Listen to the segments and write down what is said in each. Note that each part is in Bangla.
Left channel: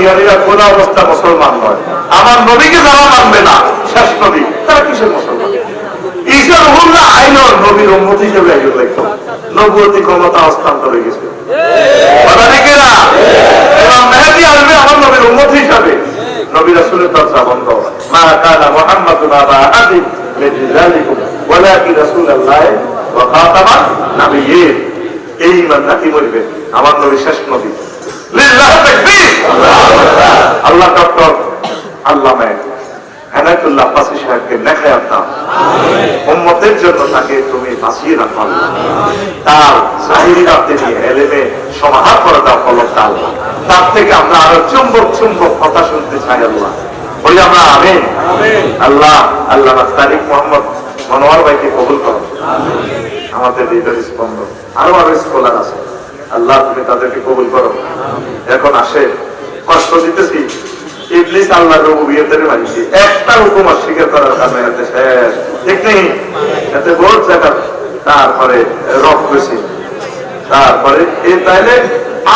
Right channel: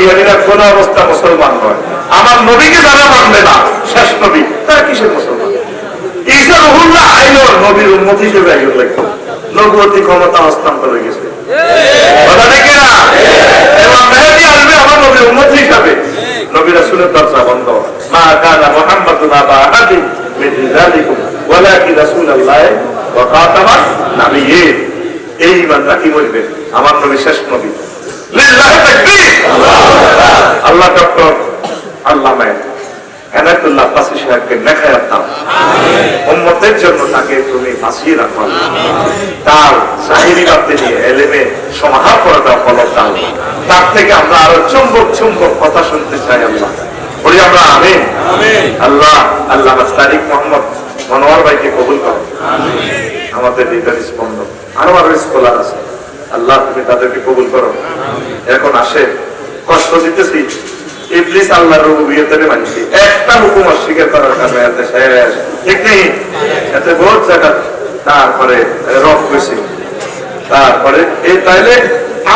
কাদিয়ানিরা কোন অবস্থা মুসলমান নয়। আমার নবীকে যারা মানবে না, শেষ নবী, তারা কিসের মুসলমান? ঈসা রহুল্লাহ আইনর নবীর উন্মত হিসেবে আইন ক্ষমতা হস্তান্তর হয়ে গেছে। কথা মেহেদি আসবে আমার নবীর উন্মত হিসাবে। নবী বন্ধ। মা কানা ওয়া খাতামান নাবিয়্যিন। এই আমার নবী শেষ নবী। হেদায়তুল্লাহ আব্বাসী সাহেবকে নেখায়াত দাও উম্মতের জন্য তাকে তুমি বাঁচিয়ে রাখো। তার জাহিরি বাদে নিয়ে এলেমে সমাধান করে ফলক দাও তার থেকে আমরা আরও চুম্বক চুম্বক কথা শুনতে চাই আল্লাহ। বলি আমরা আমিন। আল্লাহ আল্লাহ তারিক মোহাম্মদ মনোয়ার ভাইকে কবুল করো। আমাদের হৃদয়ের স্পন্দন আরও আরও স্কলার আছে। আল্লাহ তুমি তাদেরকে কবুল করো। এখন আসে কষ্ট দিতেছি। ইবলিস আল্লাহর রুবুবিয়তের মানছি একটা হুকুম অস্বীকার করার কারণে এতে শেষ। ঠিক নেই? এতে বহুত জায়গা তারপরে রব করেছি তারপরে এই তাইলে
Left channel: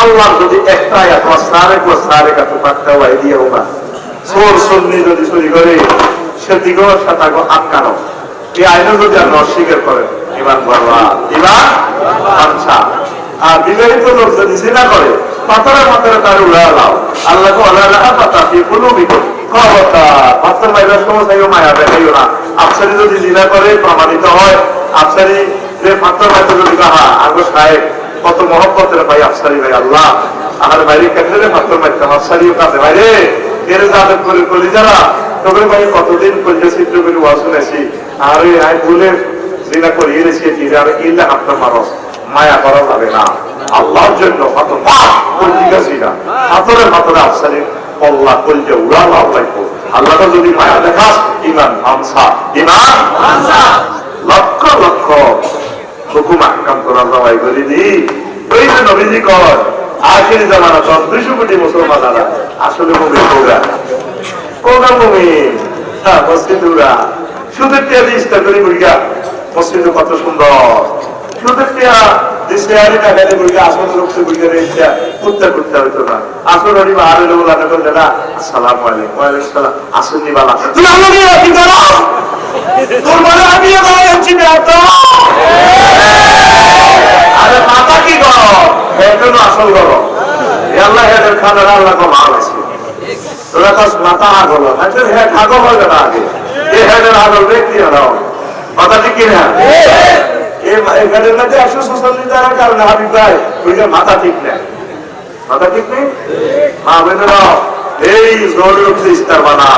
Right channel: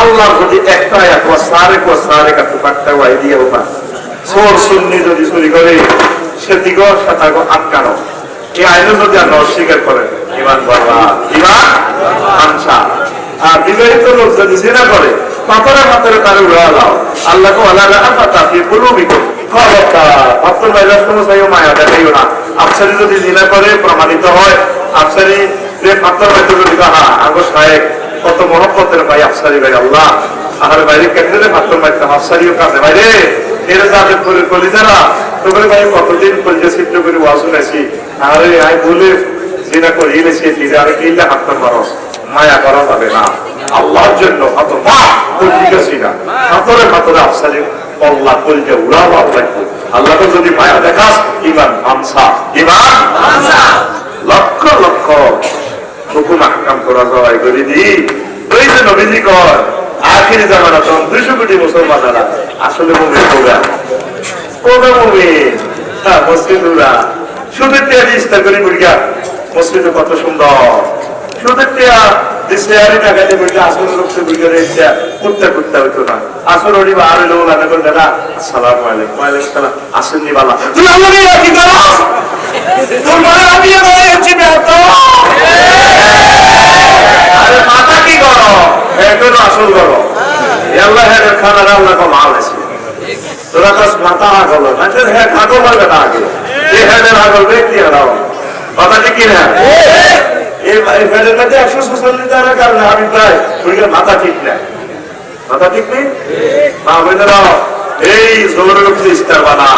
আল্লাহ যদি একটা একবার সারে কো সারে কাটু পাকটা ওয়াই দিয়ে ওবা সোর সুন্নি যদি চুরি করে সে দিগর সাথে আটকানো। এই আইন যদি আমরা অস্বীকার করেন ইমান বাবা ইমান আচ্ছা। আর বিবাহিত লোক যদি জিনা করে পাথরে পাথরে তার উড়া লাও। আল্লাহ আফসারি যদি জিনা করে, প্রমাণিত হয়, আফসারি যে বাইতে যদি রাহা আগো সাহেব, কত মহব্বতের ভাই আফসারি ভাই, আল্লাহ। আর বাইরে কেটে পাথর মারতাম আফসারিও কাঁদে বাইরে এর যাবে করে করি যারা তোমরা ভাই কতদিন করতে চিত্র করে ওয়াজ শুনেছি। আরে আই বলে জিনা করে এনেছি জিরা আরে কিনলে আপনার মারস মায়া করা যাবে না। আল্লাহর জন্য কত জিনা হাতরে হাতরে আফসারি কল্লা কলজে উড়া লাভ রাখব আল্লাহকে যদি মায়া দেখাস, ইমান হামসা ইমান লক্ষ লক্ষ হুকুম আকাম করা জবাই করে দি। ওই যে নবীজি কর আখির জামানা তখন দুইশো কোটি মুসলমানেরা আসলে মুমিন পুরা কোনা মুমিন? হ্যাঁ মসজিদুরা শুধু টেয়ার ইস্তা করি বুড়িয়া মসজিদ কত সুন্দর। টেয়া দেশে টাকাতে বুড়িয়া আসলে লোককে বুড়িয়া রেখে কুত্তা কুত্তা হইতো না। আসলে ওরি আর লোক লাগা করে দাদা আসসালামু আলাইকুম। ওয়ালাইকুম সালাম। আসেননি বালা তুই আমাকে রাখি দাঁড়া তোর মনে আমি দাঁড়াচ্ছি বেটা আরে মাথা কি করো? এখনও আসল করো। আল্লাহ, হে খানা আল্লাহ কো মাল আছে। তোরা কাজ মাথা আগল না তো হে খাগো বলবে না আগে। এ হেদের আগল ব্যক্তি হারাও কথা ঠিক কি না এই এই মধ্যে একশো ছচল্লিশ টাকা কারণে আমি প্রায় ওইখানে মাথা ঠিক না মাথা ঠিক নেই? মা বোনেরা এই জোরের উপরে ইস্তার বানা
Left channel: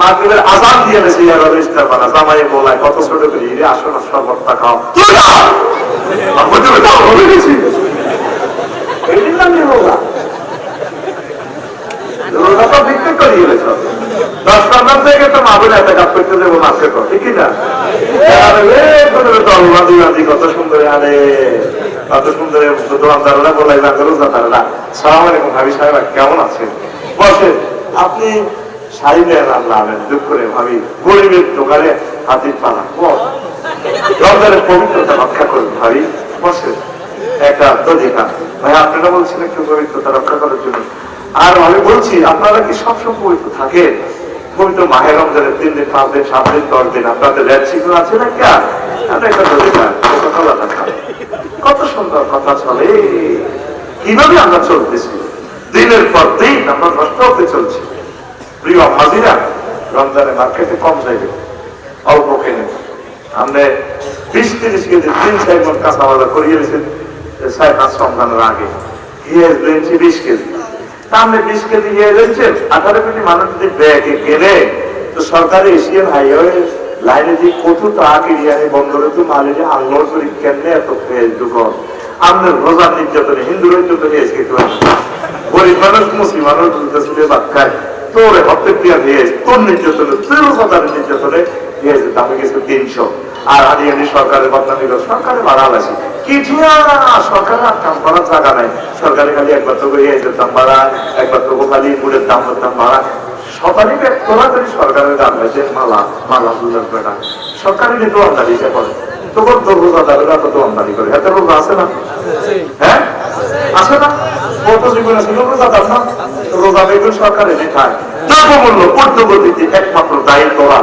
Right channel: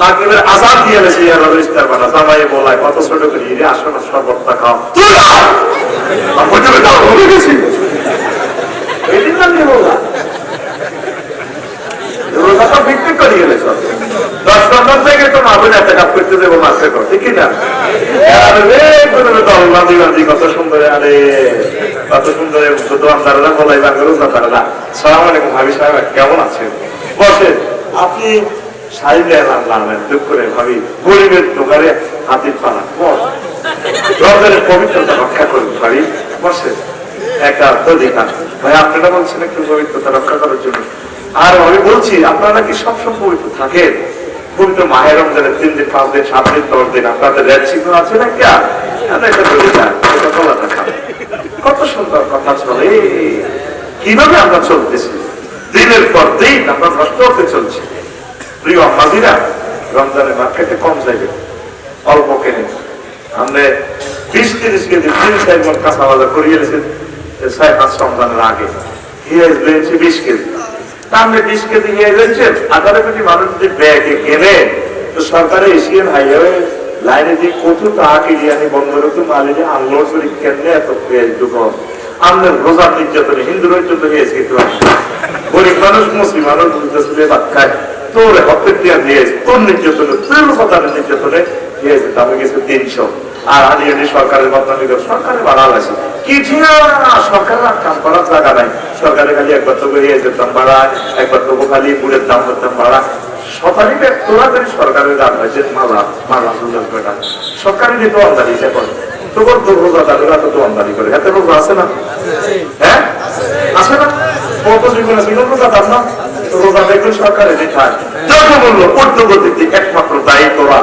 মাগরিবের আজান দিয়ে গেছে ইয়ার ইস্তার বানা জামাইয়ে বলায় কত ছোট করে রে আসো না, সব খাও। তুই না! আমি তো বেটা হয়ে গেছি। এই দিন আমি বললাম। রোজা বিক্রি করে গেলেছ দশ নম্বর কেমন আছেন? বসে আপনি ভাবি, গরিবের দোকানে হাতির পালা, বস। পবিত্রতা রক্ষা করুন, ভাবি বসে একটা অধিকার ভাই, আপনারা বলছেন একটু পবিত্রতা রক্ষা করার জন্য। আর আমি বলছি, আপনারা কি সবসময় পবিত্র থাকে পবিত্র মাহের রমজানের তিন দিন, পাঁচ দিন, সাত দিন, দশ দিন আপনাদের রেড সিগন্যাল আছে না কি কত সুন্দর কথা চলে কীভাবে আমরা চলতেছি? দিনের পর দিন আমরা নষ্ট হতে চলছি। প্রিয় আম্মাদিরা রমজানের মার্কেটে কম যাইবে, অল্প কেনে আমরা বিশ তিরিশ কেজি তিন চার মন কাঁচা বাজার করিয়েছেন ছয় পাঁচ রমজানের আগে। পেঁয়াজ রয়েছে বিশ কেজি। তাহলে বিশ পেঁয়াজ রয়েছে আঠারো কেজি মানুষ যদি ব্যাগে কেনে, তো সরকারে এশিয়ান হাইওয়ে লাইনে যে কত তাকে ইয়ানি বন্দরে তো মালিনে আনলোড করি কেমনে এত দোকান আমাদের রোজা নির্যাতনে হিন্দুরা চলতে গরিব মানুষ, মুসলিম মানুষ ভাত খায়। তোর হপ্তে দিয়া দিয়ে তোর নির্যাতনে, তোর সদার নির্যাতনে দিয়েছে দামে গেছে তিনশো। আর আমি এমনি সরকারের বদনামি করে সরকারে বাড়াল আছে। সরকারের সরকারে সরকারের যে সরকারি যে করে এত রোজা আছে না? হ্যাঁ? আছে না? কত জীবন আছে? রোজাদার না? রোজা বেগুন সরকারে দেখায়। দ্রব্যমূল্য ঊর্ধ্বগতিতে একমাত্র দায়ী করা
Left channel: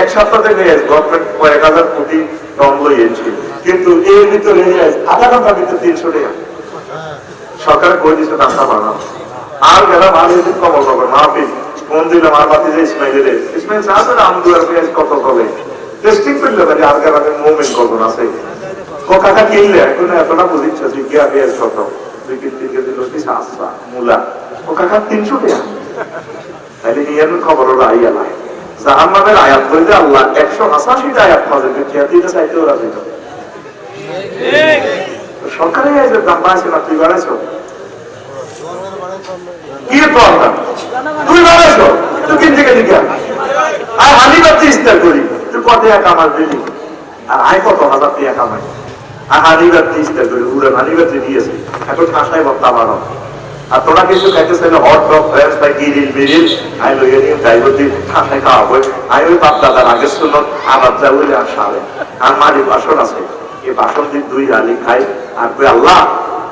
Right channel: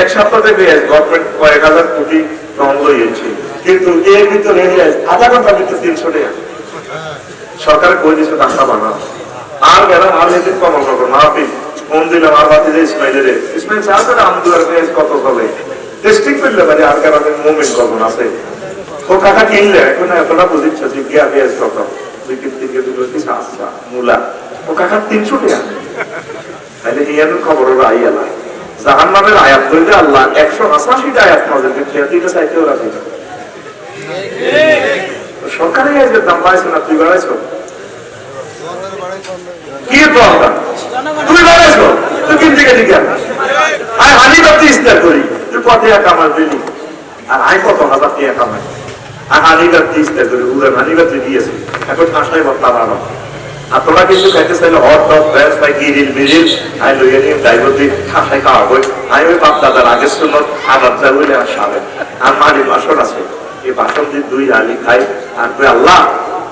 এক সপ্তাহে পেঁয়াজ গভর্নমেন্ট কয়েক হাজার কোটি টন লইয়েছে কিন্তু এর ভিতরে আধা ঘণ্টার ভিতরে তিনশো টাকা সরকার করে দিচ্ছে দামটা বাড়ানো আর বেলা মাল এদিন কমল হবে মাহফিল ফোন দিলে মার বাতি যে ইসমাইলের ইসমাইল চা আছে না আমাদের পেঁয়াজ কত হবে টেস্টিং করলে মানে আর কারণে মুভমেন্ট কখন আছে। ও কাকা কিনলে এখন এতটা বুঝিচ্ছ গিয়া পেঁয়াজ কত বিক্রি দিকে দিল কি সাতটা মূলা। ও কাকা, তিনশো টাকা। তাহলে ইয়ার খবর ওরা আইয়া না জাহান নামের আয়াত ধরে আল্লাহ একশো আশাশিটা আয়াত মাঝে খেয়াতিটা চাইতে ওরা দিল সরকারি আজকের দাম বাড়াইছে না তুই বাড়াইছো? কি আমরা? তুই বাড়াইছো? তুই কিন থেকে দিকে। আয় হানি বাতি ইস্তার করি। তুই কত টাকা কামার দিলি? আর আয় কত হাজার টাকা কামাই? আর হানি বাতি ইস্তার করি। উড়ে হানি বাতি দিয়েছে। এখন আশায় বত্তা বাড়ো আর তোরা কিছু খাইতে চাইলে হট টপ ফ্রেশ বা গিরিল মিরিল আই লইয়ে নিয়ে ড্রাইভার দিয়ে খাসাই খাওয়া বই আমি ওই বাপ দাদার আগে শুনল আদাব যা বলে আর সারে। আর মারি বাসন আছে। এই বাসন দিয়ে দুই আলি খাই আর তুই আল্লাহ,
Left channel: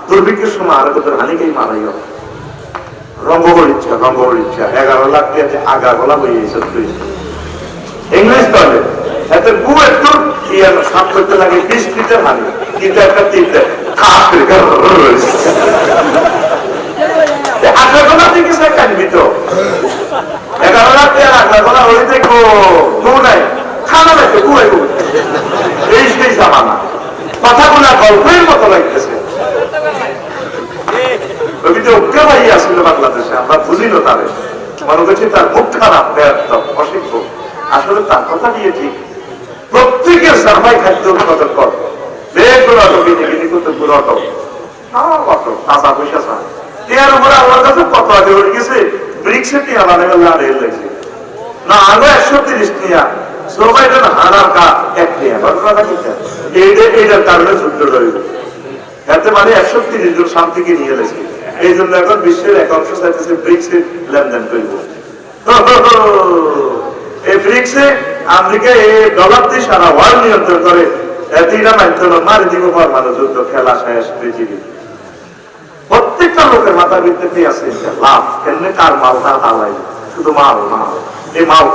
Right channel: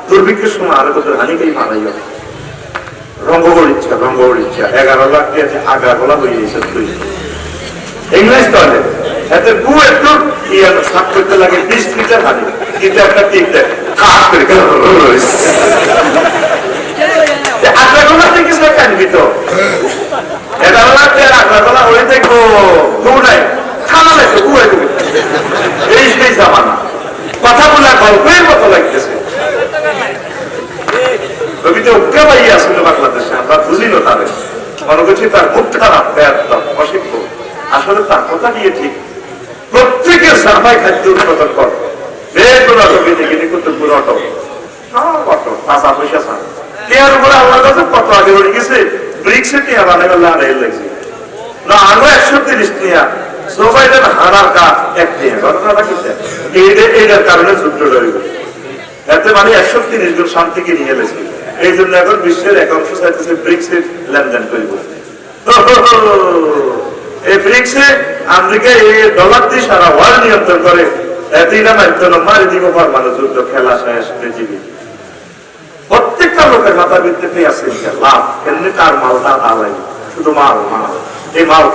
দুর্ভিক্ষের সময় আর কত হানিকেই মারাই হবে? রঙ্গবর ইচ্ছা রঙ্গবর ইচ্ছা। এগারো লাখ দিয়ে তুই ইংলিশ তাহলে এতে গু একটু ইয়ে করতে লাগে, বিশ লিটার হানি। কিন্তু একটা আগ্রা গোলা থেকে সে কানবি তো এগারো লাখ দিয়ে আগ্রা গোলা দেখব গু খানা লাগে গু একু এই সেই জামানা। কথা গল্পের মতো লাগতেছে। রবি তো উজ্ঞা পাই আসলে তার কথা গিয়ে ঠিক উপরে আল্লাহর কাছে কত আগে গেছে লাগছে। না একশো তিরিশ টিয়া হারার কা এক টিয়া ঘটনাটা কি এইটা, এইটার কারণে যুদ্ধ রয়ে এতে মানে একশো তিরিশ জন শান্তিকে নিয়ে এলেছে। এই জন্য এখন বিশ্বের এক অংশ চাইতেছে ব্রিক্সে লেনদেন করব। এই ব্রিক্সে আমেরিকা এই ডলার দিয়ে সারা ওয়ার্ল্ড নিয়ন্ত্রণ করে এতটা মানতে হলো মারি দিব, পরমাণু যুদ্ধ খেলা শেষ, পৃথিবী। লোকের মাথা ভিত্তিতে আছে? লাভ। এমনি তার মাল তার আলাই শুধু মাল মাল। এই মাল